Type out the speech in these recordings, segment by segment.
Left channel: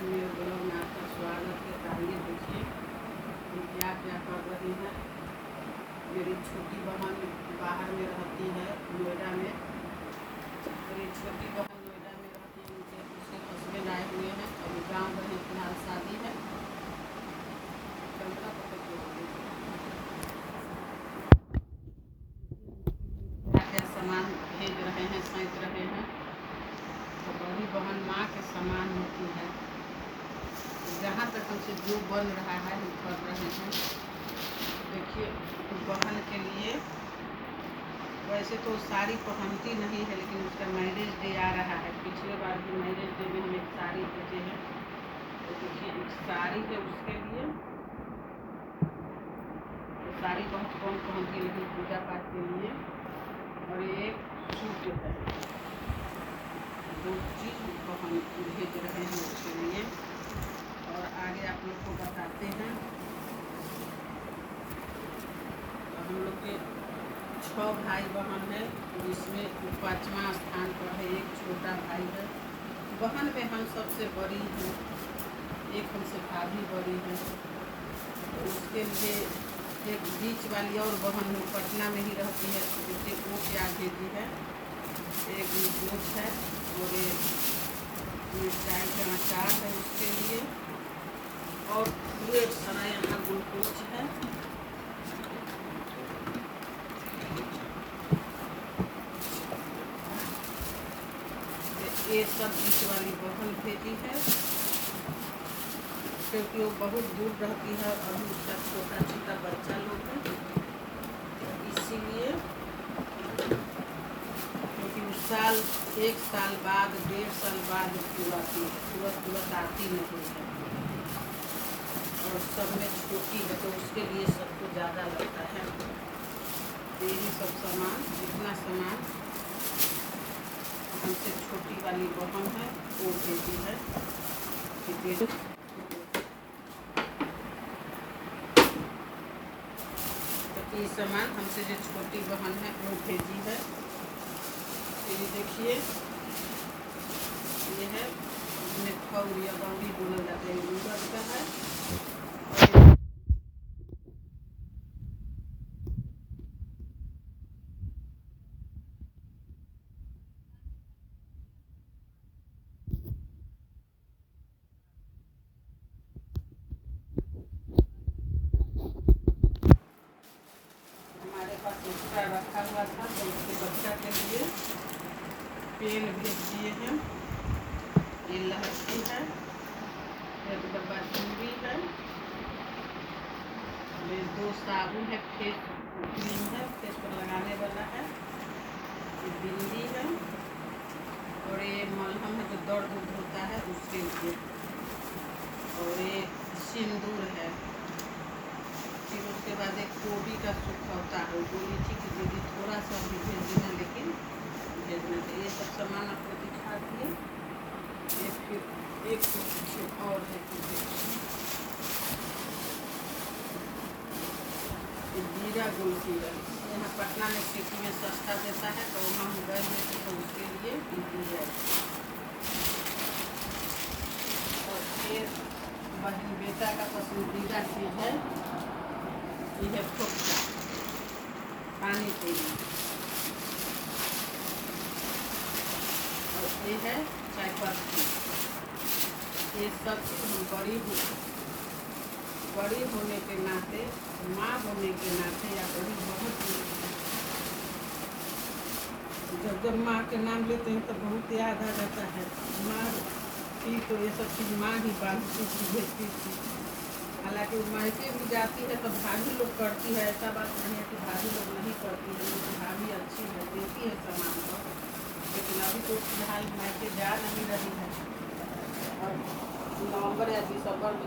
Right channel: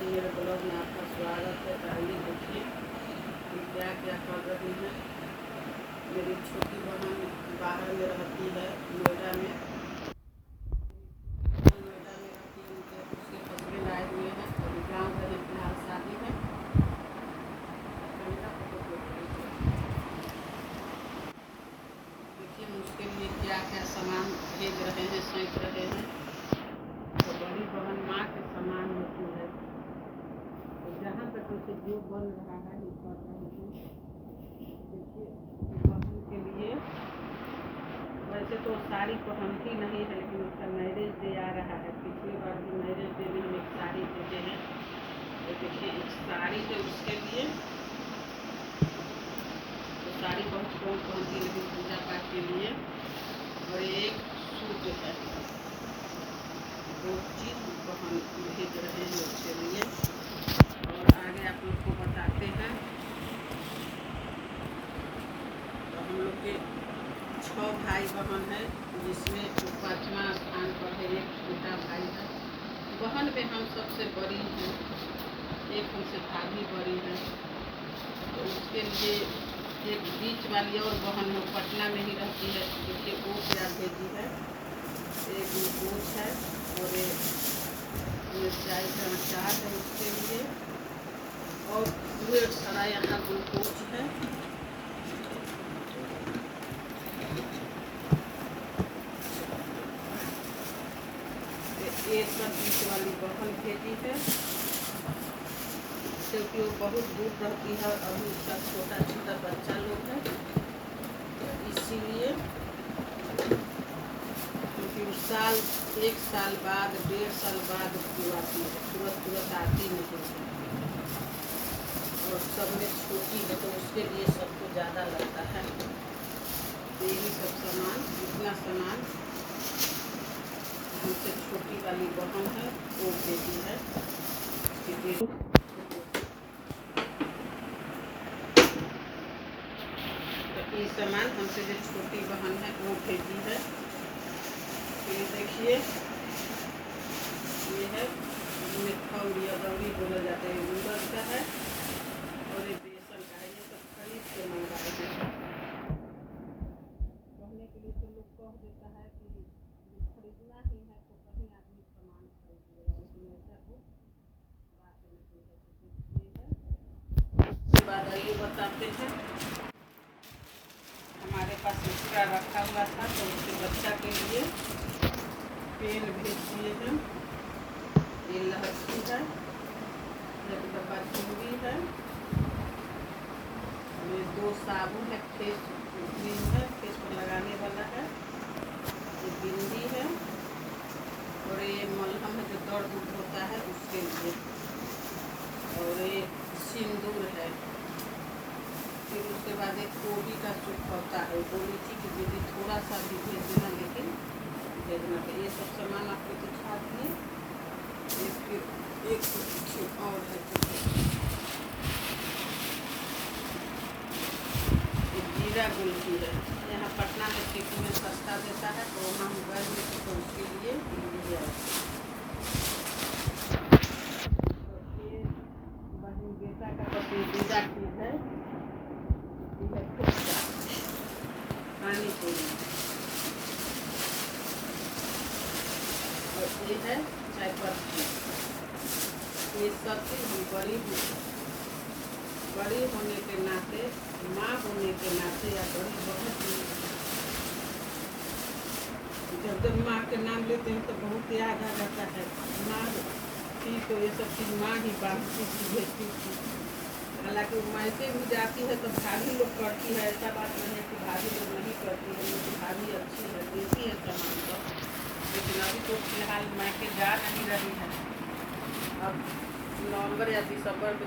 मेरे ब्लॉग में आपका स्वागत है। आइए देखिए हम क्या क्या कर रहे हैं। मेरी छोटी बहन बाहर में रहती है, नोएडा में। मेरी छोटी बहन नोएडा में रहती है, उनके उसके हस्बैंड आए हुए हैं। अभी गाँव में फिलहाल शादी है। देखिए हम उसके लिए क्या क्या सामान भेज रहे हैं, सौंप रहे हैं। तो बड़ी बहन माँ के समान होती है। जहाँ तक हमसे जो बन रहा है हम कर रहे हैं। देखिए बहन के लिए वैसे तो साड़ी पहनती नहीं है, लेकिन उसका मैरिज डे आ रहा है। पिछले बार भी मैरिज डे में हम एक साड़ी भेजे हैं। तो देखिए एक साड़ी है उसके लिए। तो साड़ी बहुत कम पहनती, लेकिन पूजा पाठ के लिए। और एक सूट है। दो चीज़ पहन भेज रहे हैं उसके लिए। और आगे आप लोग को बताते हैं। तो हम लोग के 6 भाई बहन है, जिसमें 5वां स्थान पर है एक छोटा भाई है। बहन में हम सबसे बड़ी हैं, एक हमसे भाभी बड़ी है। तो उसके लिए एक बीच वाली और बहन है, पटना में ही रहती है। देखिए वो क्या भेजी है, एक ग्लूकोज है और एक मिर्चाई का अचार है उसके लिए। और ढेर सारा यहाँ ग्लूकोज है। ये सब बीच वाली बहन भेजी है, क्योंकि वो बहुत दूर रहती है और अभी उसका छोटा छोटा बच्चा लोग है। इसीलिए क्योंकि उस साल 1 साल बाद 1.5 साल बाद उसको आती है, तुरंत आती नहीं है। और सब में छोटी है, तो उसके लिए सबको ज़्यादा लगता है। यही सब सामान, जितना सामान हमसे छोटी वाली बहन है वो भेजी है। तो ये सामान हमसे जो छोटी बहन है वो भेजी है। तो देखिए ये है, मिठा उड़िया गौरी बोला जाता है, गूगल का है। हमारे पास एक्स्ट्रा रखा हुआ था, तो उसके बच्चा के लिए पेन भेज दिए हैं। ये लहसुन है, एक डब्बा चूड़ी है, ये 2 साबुन है, फेस क्रीम है, फेस पर लगाने वाला है। ये बिंदी है और ये मलहम है जो दर्द होता है उसके लिए। और ये सिंदूर है। फिर उसके बाद एक गोभी का सूप होता है, बोली थी कि दीदी थोड़ा सा भी भेज देना, लेकिन भेजना चाहिए। ये सब सामान आपको दिखा दिए। फिर एक और है, जीरा गुलकी है। यहाँ पटना में सिटी में सस्ता देता है, तो वहाँ मोबाइल में तो उसके लिए है। और ये बहन बेटा का पसंदीदा चीज़ है, ये है पानी पूरी। और ये है चाय पत्ती। ये सब चीज़ हम बड़ी होने के नाते, माँ होने के नाते या बड़ी बहुत जब माँ के नाम लेते हैं तो बहुत याद आ जाता है। माँ थी तो ये सब चीज़ माँ ही बांधती थी, भेजती थी। हालांकि वो मायके भी जाती है तो भाभी लोग करती है, ऐसा बात नहीं है कि भाभी लोग नहीं करती है। मेरी भाभी अच्छी है, देती है सामान को। लेकिन अभी तो फिलहाल मायके जा नहीं रही है। अब नवंबर या दिसंबर में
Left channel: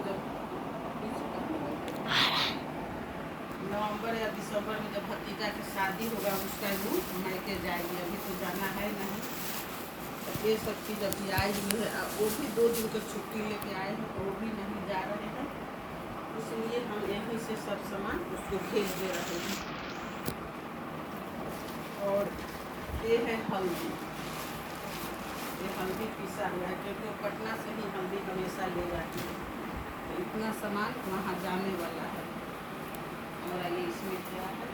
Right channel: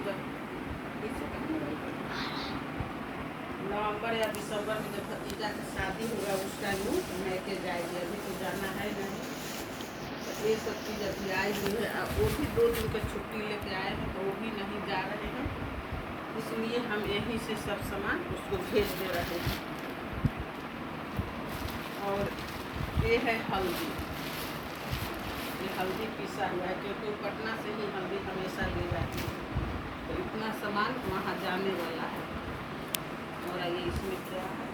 जब भतीजा की शादी होगा उस टाइम वो मायके जाएगी। अभी तो जाना है नहीं। तो ये सब चीज़ अभी आई हुई है। वो भी 2 दिन की छुट्टी लेके आए हैं, तो वो भी नहीं जा रहे हैं। इसलिए हम यहीं से सब सामान उसको भेज दे रहे हैं। और ये है हल्दी, ये हल्दी पीसा हुआ है, क्योंकि वो पटना से ही हल्दी हमेशा ले जाती है, तो इतना सामान वहाँ जाने वाला है। और ये इसमें क्या है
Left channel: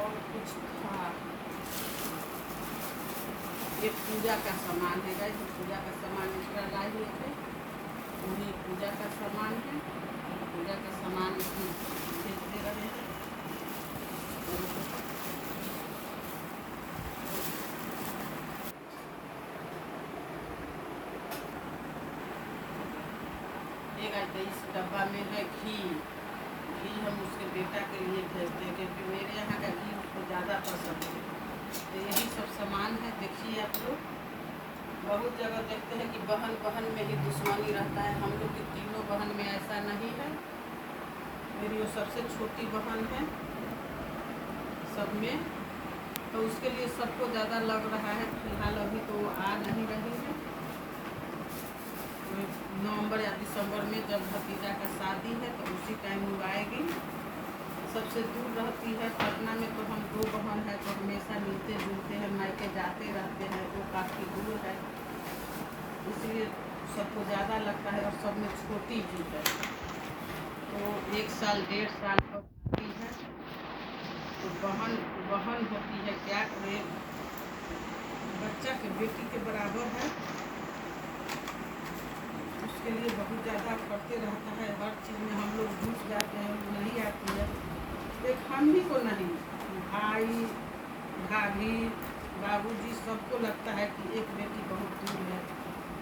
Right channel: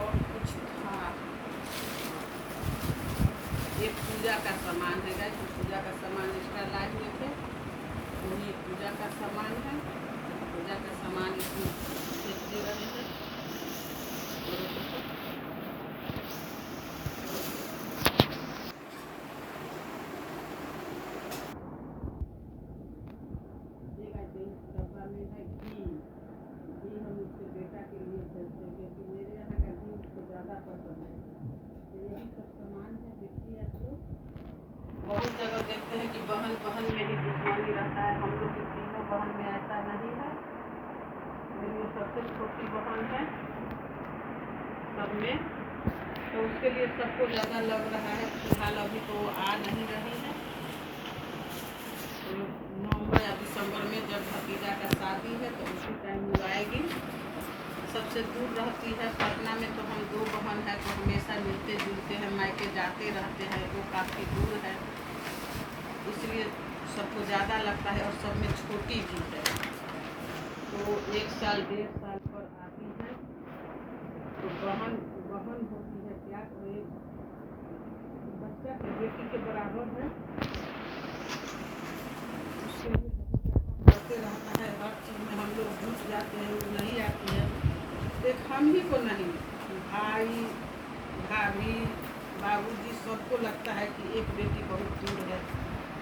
और कुछ था, ये पूजा का सामान है गाइस, पूजा का सामान दूसरा लाए हुए थे, वही पूजा का सामान है। पूजा का सामान इसमें भेज दे रहे हैं। ये गाइस इस डब्बा में है घी। घी हम उसके बेटा के लिए भेजते हैं, क्योंकि मेरे यहाँ का घी उसको ज़्यादा पसंद है। तो यही सब सामान है। देखिए आप लोग, बहुत जगह देखते हैं कि बहन बहन में ही दुश्मनी रहता है। हम लोग की तीनों बहन में ऐसा नहीं है। मेरी वो सबसे छोटी बहन है सब में, तो उसके लिए सबको ज़्यादा लग रहा है। फिलहाल अभी तो आ नहीं रही है। नवंबर या दिसंबर में जब भतीजा का शादी है तो उसी टाइम वो आएगी। सबसे दूर रहती है पटना में, तो हम दो बहन है तो हमेशा मिलते जुलते हैं, मायके जाते रहते हैं, वो काफ़ी दूर है, इसलिए सबको ज़्यादा लगता है। और सब में छोटी भी है, तो 1 साल 1.5 साल पर आती है। तो बहन बहन होती है, क्या करे, बच्चा के बेटी के बराबर है, उसके लिए बहुत ज़्यादा करते रहता है। हर चीज़ में हम लोग जुट जाते हैं, वो नहीं आती है। देख हम ही को नहीं, भाई भाभी बाबूजी सबको लगता है कि एक बेटी बहुत दूर है।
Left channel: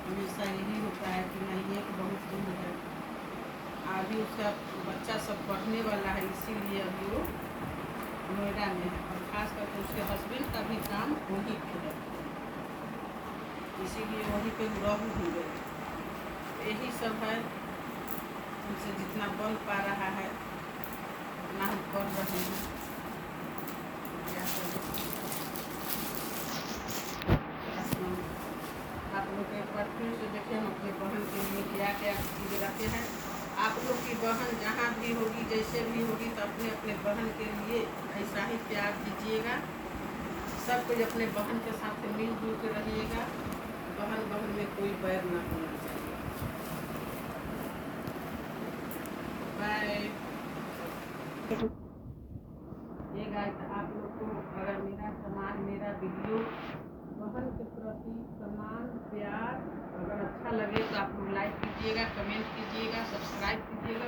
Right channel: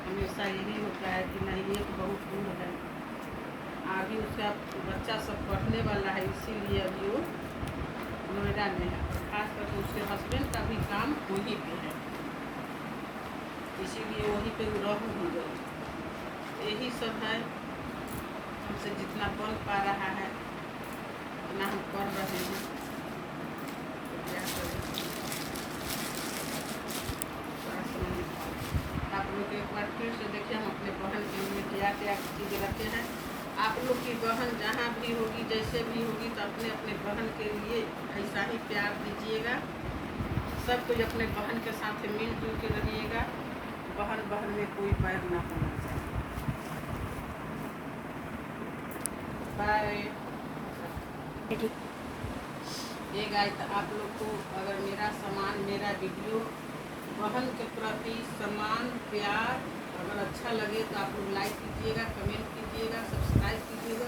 हमेशा यही होता है कि नहीं एक बहुत दूर है। अभी उसका बच्चा सब पढ़ने वाला है, इसीलिए अभी वो नोएडा में है। और खास करके उसके हस्बैंड का भी काम वहीं पे है, इसीलिए वहीं पे रह भी गए। यही सब है, हमसे जितना बन पा रहा है उतना हम कर रहे हैं। क्या करें, आप लोग एक बार फिर से देखिए हम अपने बहन के लिए क्या क्या चीज़ रखे हैं। आप लोग की बहन जहाँ भी होगी, जैसे भी होगी, तो अपने अपने बहन के लिए ऐसा ही प्यार दीजिएगा। सब कोई अपने बहन के साथ मिलजुल के रहिएगा। बहन बहन में कोई बैर ना होना चाहिए। बाय। ये गाइस, आप लोग को अगर मेरा सामान, मेरा वीडियो बहन के प्रति सम्मान प्यार अगर अच्छा लगे तो आप लोग लाइक कीजिएगा, कमेंट कीजिएगा, सब्सक्राइब कीजिएगा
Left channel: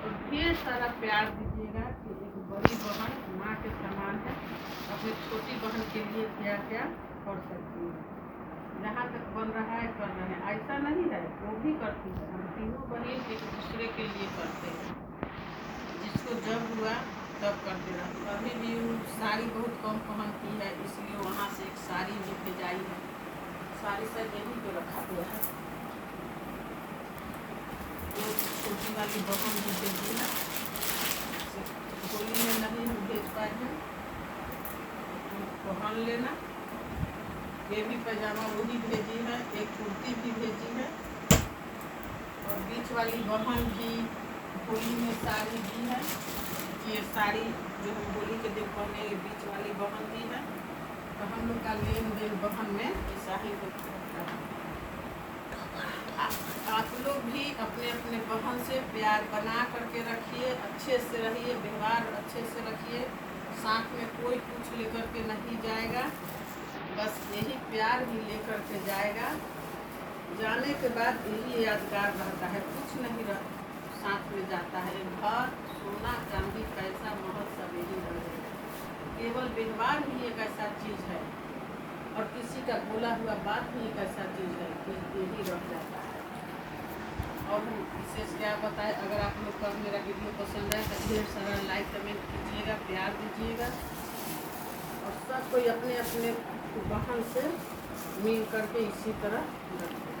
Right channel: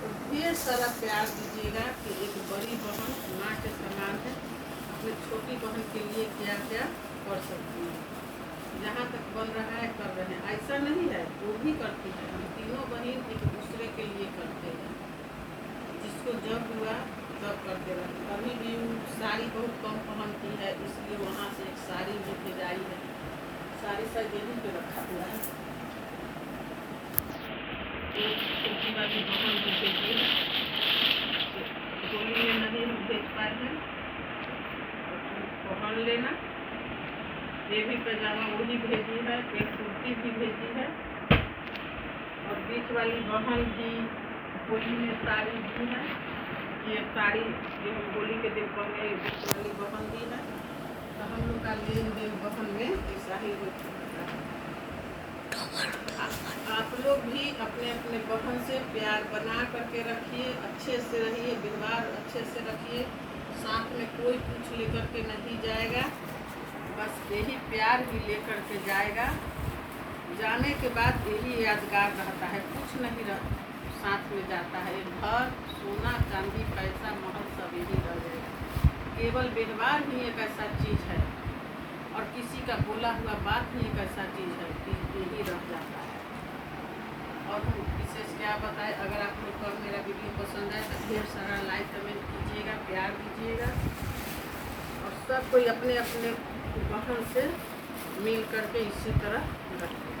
और ढेर सारा प्यार दीजिएगा कि एक बड़ी बहन माँ के समान है। अपनी छोटी बहन के लिए क्या क्या कर सकती है, जहाँ तक बन रहा है कर रहे हैं। ऐसा नहीं है, वो भी करती है। हम तीनों बहन एक दूसरे के लिए करते हैं, जिसको जब हुआ तब करते रहते। अभी भी साड़ी बहुत कम पहनती है, इसलिए वहाँ से एक साड़ी भी भेजाई है। साड़ी शायद यहीं पे रखा हुआ है, तो छोटी वाली बहन भी भेजी है। होली में नहीं हम भेज पाए हैं, तो पहन लेना। ये भी पैजामा वही भेजी है, एक कुर्ती भी भेजी है। और बीच वाली बहन भी होली में साड़ी दी है। ये साड़ी जो हम होली के दिन पहने, बीच वाली बहन दी है। तो हम लोग का लेन देन बहन में ऐसा ही होता है। आप लोग भी अपने अपने बहन से प्यार बना करके रखिए, अच्छे से रहिए, व्यवहार अच्छे से रखिए। साथ में कोई कुछ लेकर के नहीं जाएगा, बस यही प्यार ही लेकर के जाएगा। जाने के बाद यही यादगार रहता है, कुछ नहीं रहता साथ में जाता है। घर, सोना, चांदी, पैसा, महल सब यही रह जाएगा। केवल व्यवहार ही एक ऐसा चीज़ है, और किसी का बोला हुआ बात भी एक ऐसा चीज़ है कि यही रह जाता है। और हम विशेष क्या बताएं, अगर आप लोग को मेरा वीडियो पसंद है तो ढेर सारा लाइक कमेंट कीजिएगा, प्यार दीजिएगा। और सब कोई अपने अपने बहन से मिल करके इसी तरह रखें।